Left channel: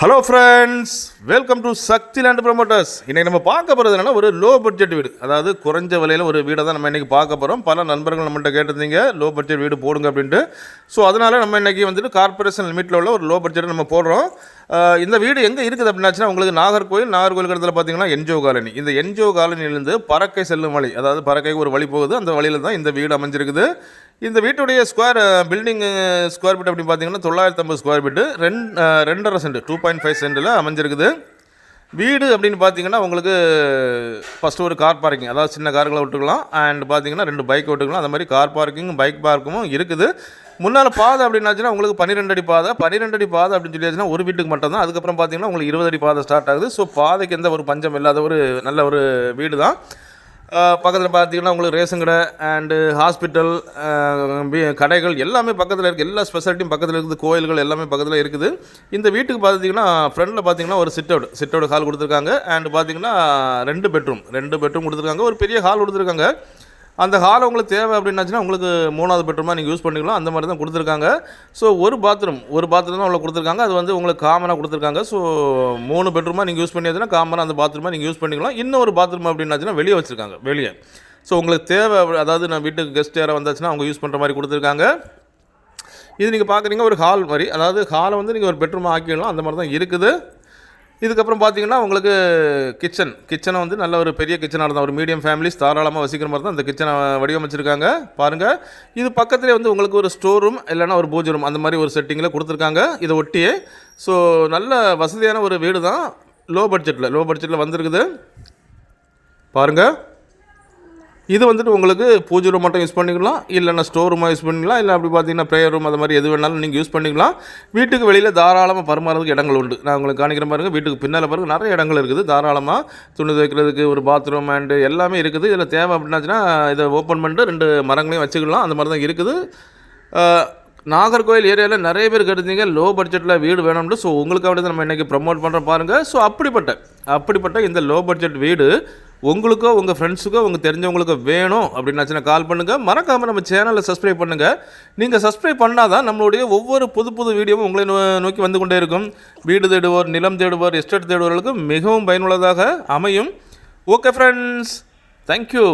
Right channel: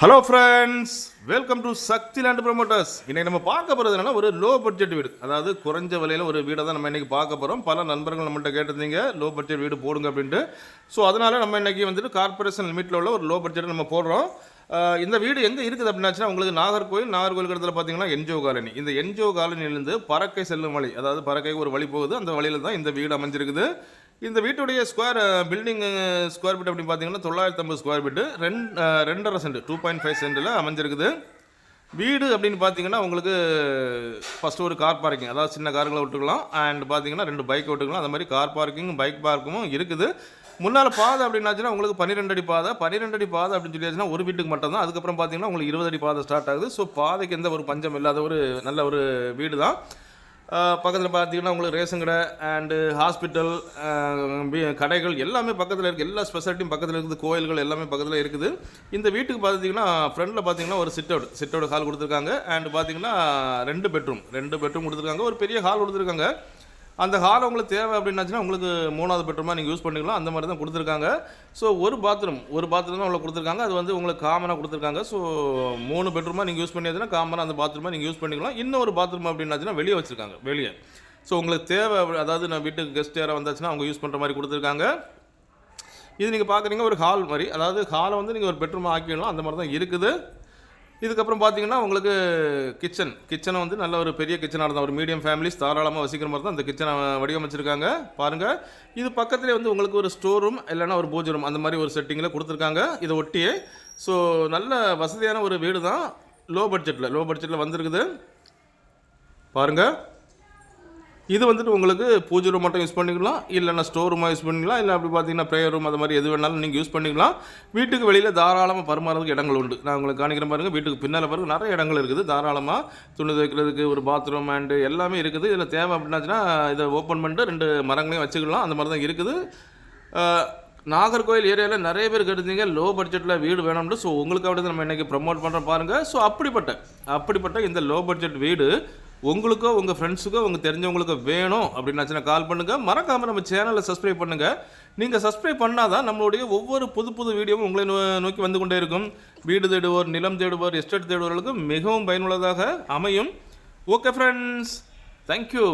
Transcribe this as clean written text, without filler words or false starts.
Hello friends, welcome to Shakti land promoters. இன்றைக்கி நம்ம பார்க்க போகிறது என்னென்னா ஒரு லோ பட்ஜெட் வீடு, அதாவது குறைஞ்ச விலையில் ஒரு வீடை தான் நம்ம இன்றைக்கி பார்க்க போகிறோம். பல நண்பர்கள் நம்மள்கிட்ட கேட்டிருந்தீங்க லோ பட்ஜெட் வீடு போடுங்க அப்படின்ட்டு. ஸோ அதனால் நம்ம இன்றைக்கி வந்துட்டு கார்பரேஷன் லிமிட்டில் உள்ள ஒரு லோ பட்ஜெட் நம்ம போடுறோம். இந்த வீடு எங்கே இருக்குது அப்படின்னாச்சுன்னா உங்களுக்கு நாகர்கோவில் இடத்துல பார்த்தீங்கன்னா என்ஜிஓ காலனி. இந்த என்ஜிஓ காலனியிலேருந்து பறக்கை செல்லும் வழி, அதாவது பறக்கைக்கு ஒரு வழி போகுது, அந்த வழியில் தான் இந்த வீடு அமைஞ்சிருக்குது. இந்த வீட்டுடைய பில்டிங் ஸ்கொயர் ஃபீட் அப்படின்னு பார்த்தீங்கன்னா 950 ஸ்கொயர் ஃபீட்டு, 2.5 சென்ட் 2.5 சென்டில் அமைஞ்சிருக்குது. வீடு அப்படின்னு பார்த்தீங்கன்னா உங்களுக்கு ஃபஸ்ட்டு ஒரு கார் பார்க்கிங், அதாவது சின்ன கார்களை விட்டுக்கலாம், அண்ட் பார்த்தீங்கன்னா 2 பைக் விட்டுக்கலாம். அந்த மாதிரி கார் பார்க்கிங் பைக் பார்க்கும் இருக்குது. முன்னால் பாதை அப்படின்னாச்சுன்னா உங்களுக்கு 12 அடி பாதை அப்படின்னு சொல்லியாச்சுன்னா ஒரு வீட்டுக்கு மட்டும் தான். அதுக்கப்புறம் பார்த்தீங்கன்னா உங்களுக்கு 20 அடி பாதை ஸ்டார்ட் ஆகுது. ஸோ பாதைக்கு எந்த ஒரு பஞ்சம் இல்லாத ஒரு நல்ல ஒரு வீடு தான். பக்கத்தில் பார்த்தீங்கன்னா உங்களுக்கு ரேஷன் கடை அண்டு ஹாஸ்பிட்டல், கடைகள் எல்லாமே பக்கத்தில் இருக்குது. எல்லா ஸ்பெஷாலிட்டியும் பக்கத்தில் இருக்குது. கோயில்கள் எல்லாமே பக்கத்தில் இருக்குது. இந்த வீட்டுக்கு பார்த்தீங்கன்னா ஃப்ரண்டில் பார்த்தீங்கன்னா ஒரு சிட்டவுட் ஹால் கொடுத்துருக்காங்க. அண்ட் பார்த்தீங்கன்னா 2 பெட்ரூம் கொடுத்துருக்காங்க. ஒரு பெரிய ஹால் கொடுத்துருக்காங்க. அந்த ஹால் உங்களுக்கு தேவை அப்படின்னாச்சுன்னா உங்களுக்கு 3வது பெட்ரூமாக நீங்கள் யூஸ் பண்ணிக்கலாம். அந்த மாதிரி தான் கொடுத்துருக்காங்க. ஸோ ஒரு பாத்ரூம் தான் அவ்வளோ கொடுத்துருக்காங்க. அது வந்து உங்களுக்கு காமனாக கொடுத்துருக்காங்க. ஸோ 3 பெட்ரூமாக நீங்கள் யூஸ் பண்ணியாச்சுன்னா காமனாக அந்த பாத்ரூமாக நீங்கள் யூஸ் பண்ணிக்கலாம். இன்னொரு பாத்ரூம் அப்படின்னாச்சுன்னா வெளியே வச்சுருக்காங்க, வெளியே. ஸோ உங்களுக்கு தேவை, அதாவது நான் வீட்டுக்கு கெஸ்ட் யாராக வந்தாச்சுன்னா அவங்க யூஸ் பண்ணுற மாதிரி கொடுத்துருக்காங்க. இது நீங்கள் பார்க்குறீங்க ஒரு ஹால் மாதிரி, அதாவது ஹாலை வந்து நீங்கள் ஒரு பெட்ரூமாக ஆக்கிடலாம். அந்த மாதிரி தான் இருக்குது. இதுக்கப்புறம் பார்த்தீங்கன்னா உங்களுக்கு கிச்சனை வந்து நல்ல ஒரு பெரிய கிச்சனாக இருந்தால் ஒரு மீடியம் ஃபேமிலிஸ் தாராளமாக வசிக்கிற மாதிரி தான் இந்த கிச்சனை வடிவமைச்சிருக்காங்க. பாருங்கள், இது பக்கத்துலேயே வந்து உங்களுக்கு ஒரு ஸ்டோர் ரூம் இல்லைனா ஒரு பூஜை ரூம் அந்த மாதிரி ஒரு செட்டிங்கில் கொடுத்துருக்காங்க இதை ஒட்டியே. ஸோ நல்ல வசதியான ஒரு வீடு தான், லோ பட்ஜெட்டில் வந்திருக்குது. பாருங்கள், இது வந்துட்டு உங்களுக்கு பூஜை ரூம் மட்டும் யூஸ் பண்ணிக்கலாம், இல்லைன்னா ஸ்டோர் ரூமாக யூஸ் பண்ணிக்கலாம், இல்லை அப்படி பார்த்தீங்கன்னா ப்ரேயர் ரூம் அது மாதிரி எது வேணாலும் நீங்கள் யூஸ் பண்ணிக்கலாம். வீட்டுக்கு வெளியில் தாராளமாக பரிமாறதுக்கு இடங்கள் உண்டு. நான் உங்களுக்கு காணிக்கிற பாருங்கள், வீட்டுக்கு பின்னால் பாருங்கள் நிறைய இடங்கள் இருக்குது. தாராளமாக துணி துவைக்கிறதுக்கு ஒரு பாத்ரூம் அண்டு எல்லாமே இருக்குது. இதில் தேவை அப்படின்னாச்சுன்னா இதை ஓப்பன் பண்ணிட்டு 2 மரங்களையும் வச்சுக்கலாம். அந்த மாதிரி தான் இருக்குது. நாகர்கோவில் ஏரியாவில் நிறைய பேர் கேட்டிருந்தீங்க லோ பட்ஜெட்டில் வீடு வேணும்னு. ஸோ உங்களுக்காக நம்ம இன்றைக்கி ப்ரமோட் பண்ணுறோம் பாருங்கள். ஸோ அப்படிப்பட்ட இந்த லோ பட்ஜெட் வீடு உங்களுக்கோ உங்கள் ஃப்ரெண்ட்ஸுக்கோ உங்கள் தெரிஞ்சவங்களுக்கோ வேணும் அப்படின்னாச்சுன்னா கால் பண்ணுங்கள். மறக்காமல் நம்ம சேனலை சப்ஸ்கிரைப் பண்ணுங்கள். நீங்கள் சப்ஸ்கிரைப் பண்ணால் தான் நம்மளுடைய ஒவ்வொரு புது வீடியோவும் உங்களை நோக்கி வந்து கொண்டே இருக்கும். வீடு தேடுவோர், நிலம் தேடுவோர், எஸ்டேட் தேடுவோர்களுக்கு மிகவும் பயனுள்ளதாக அமையும். Okay friends, thank you.